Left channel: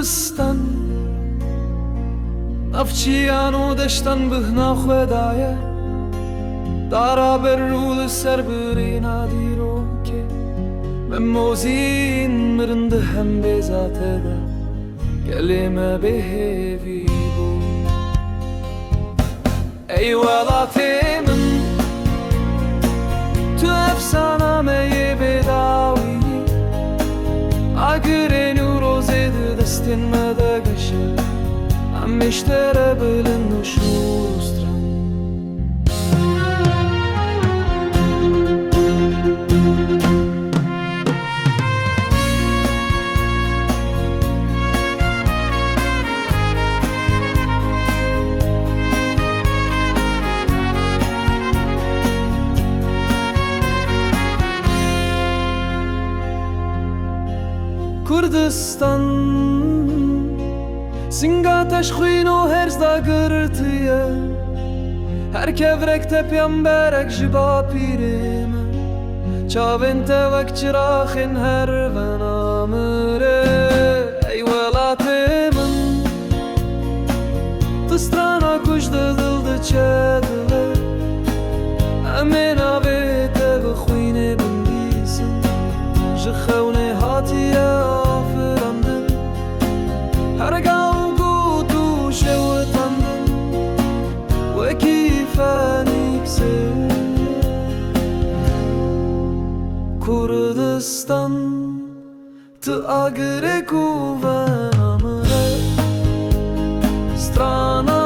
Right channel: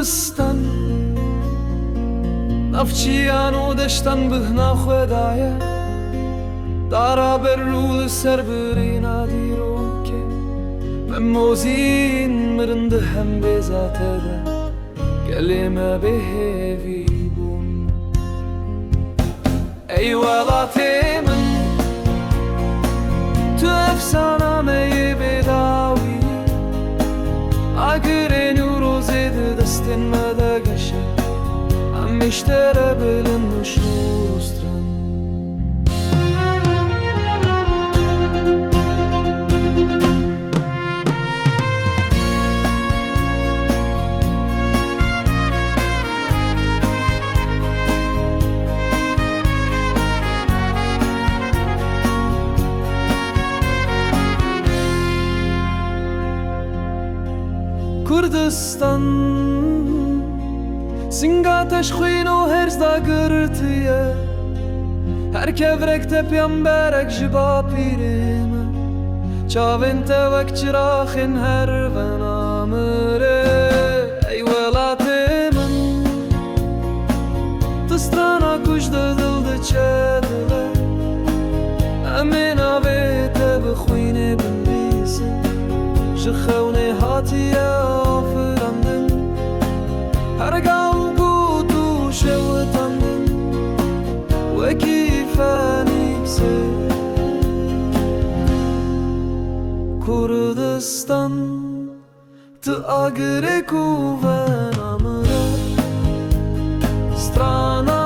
Kurdistan Navçiyan u deştan bihna xwedaya Dara berrû li ser birîna dîrokê Memozîn mirin di hem bêzate de Gelê me bêhêvî bûn Ey welatê min Tu efsana me yê bêdawî Agirên û rozê di destên me de geşe Em mêştere bilind û şûr û stran Kurdistan Singa teşxwîn û herz da girtiye Her kevrek tepyan berek ji bapîrê me Çavên te wek çiraxên hervena mire Ey welatê min Ti strana ku ji dil diçe dile Em ê navê te bixwînê binivîsin Ji xewnê hatiye afirandin Her gav got û şewitandin Wekî fenîksê Kurdistan Ti agirê ku vena mire Strana